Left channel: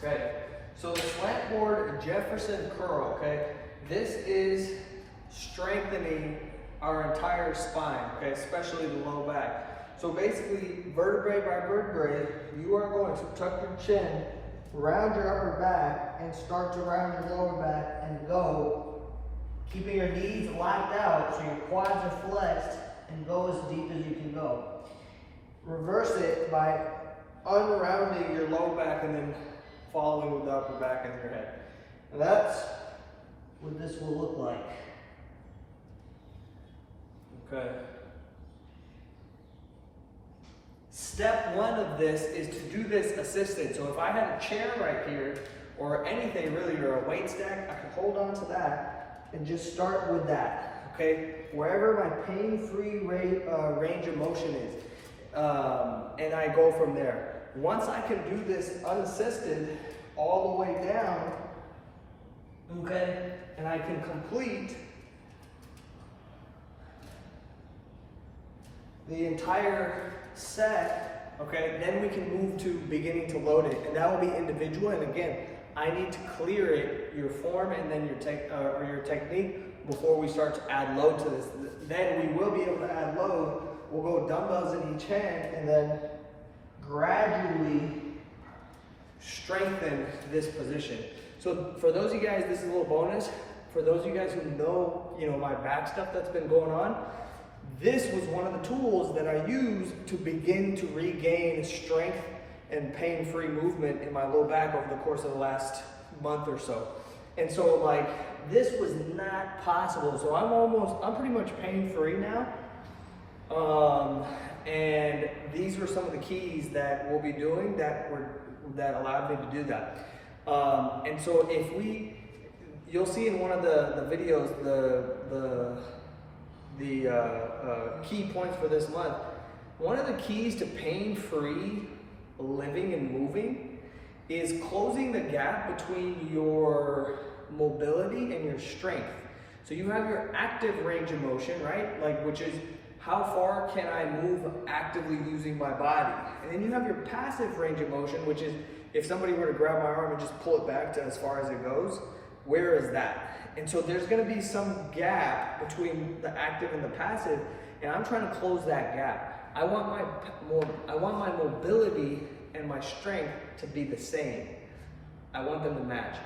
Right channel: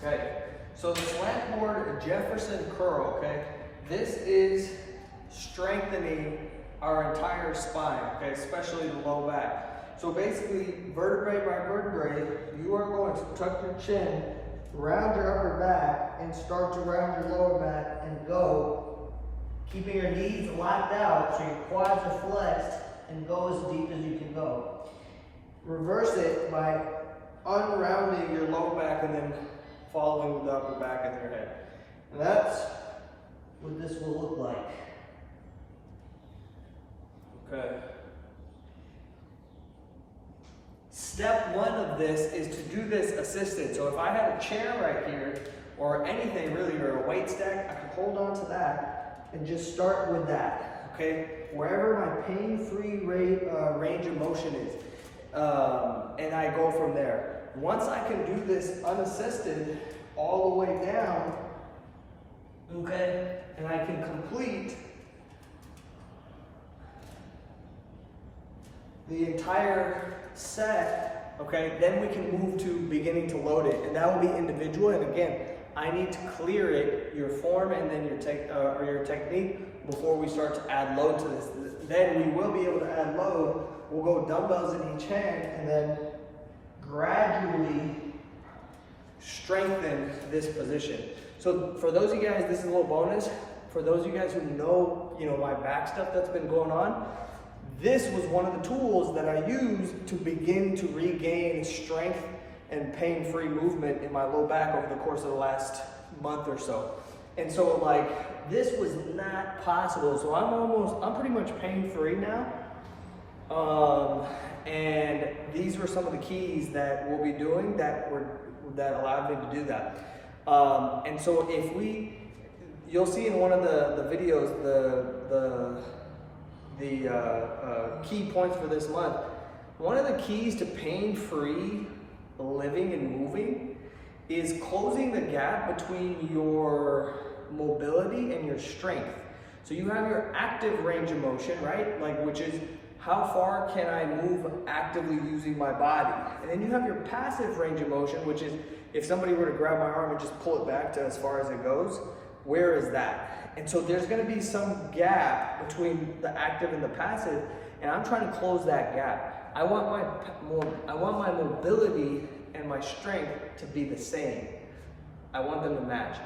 Okay, so the Slantboard Jefferson curl, okay, this is strengthening our entire spine, okay, especially the low back. So basically, vertebrae by vertebrae, you are going to tuck your chin, round your upper back, and start to round your lower back and go, keeping your knees locked out so your quads are flexed, and go as deep as you can go. Reverse it by unrounding your lower back and then following with the upper back in your head. And that's what this will look like. Okay. Step one of this is to do this assisted. So if I had a chair right here, or anything really, or a weight stack, I can hold on to that and just start with that, okay? Wherever my pain-free range of motion is, and I go from there. Once I can do this unassisted all the way down, okay, and I can complete the entire set, okay, then we can move to beginning to load it, and that will be individual. And again, I need to clear it, your form, and then your technique before we start to add load to this. Then we will be able to add load. We'll go dumbbells in each hand, and then gradually strengthen this position. So for those of you guys, this is a little bonus. For those of you guys who know, my back stuff that's been going on, this was one of the tools that I used to begin to regain strength and pain-free movement in my low back over the course of the last month or so. And so this was not possible. So I'm pretty much pain-free now. And these were some of the keys that we'll be doing that allowed me to do that. And so you'll see in one of the videos, the key points for this month. One of the keys to pain-free living and moving is closing the gap between your mobility and your strength. So you have your active range of motion, right? Which is how far can I move actively using my body? And then you have your passive range of motion, which is if somebody were to grab my arm and just pull it back to as far as it goes, where is that? And so there's going to be some gap between the active and the passive, and I'm trying to close that gap. I want my mobility and my strength to be the same. I want them to match.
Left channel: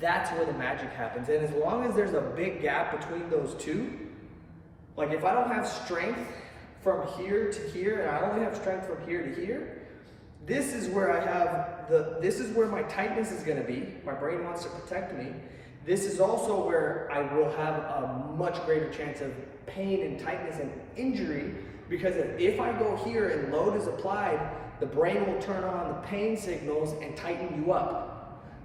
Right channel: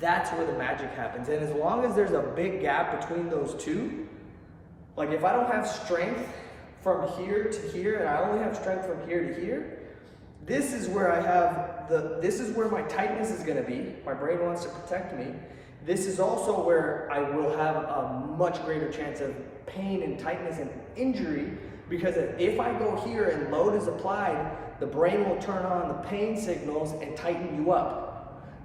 That's where the magic happens. And as long as there's a big gap between those two, if I don't have strength from here to here, and I only have strength from here to here, this is where this is where my tightness is going to be. My brain wants to protect me. This is also where I will have a much greater chance of pain and tightness and injury, because if I go here and load is applied, the brain will turn on the pain signals and tighten you up.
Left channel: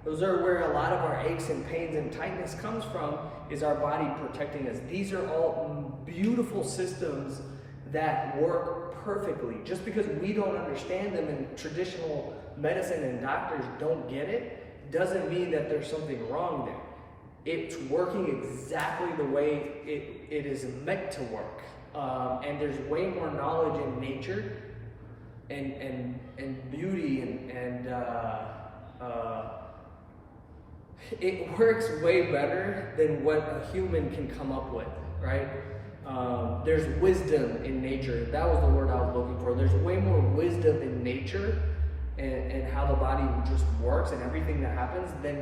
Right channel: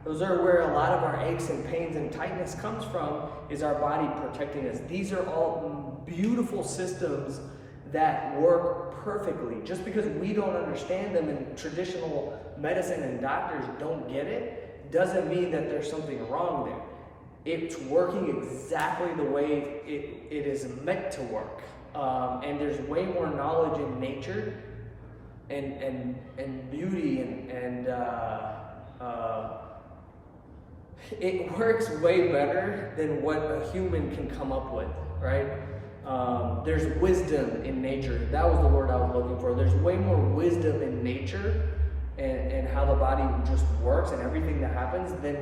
Those are where a lot of our aches and pains and tightness comes from, is our body protecting us. These are all beautiful systems that work perfectly. Just because we don't understand them and traditional medicine and doctors don't get it, doesn't mean that there's something wrong there. It's working exactly the way it is meant to work. And there's way more knowledge in nature and beauty and it works way better than what a human can come up with, right? There's wisdom in nature. That was the word I was looking for. There's way more wisdom in nature and how the body just works and everything that happens than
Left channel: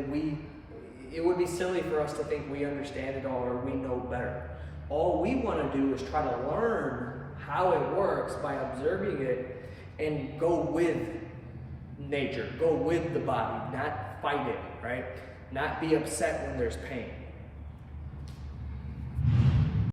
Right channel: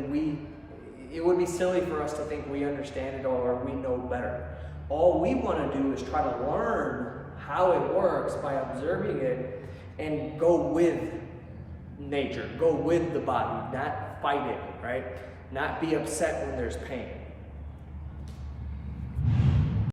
it would be silly for us to think we understand it or we know better. All we want to do is try to learn how it works by observing it and go with nature, go with the body, not fight it, right? Not be upset when there's pain.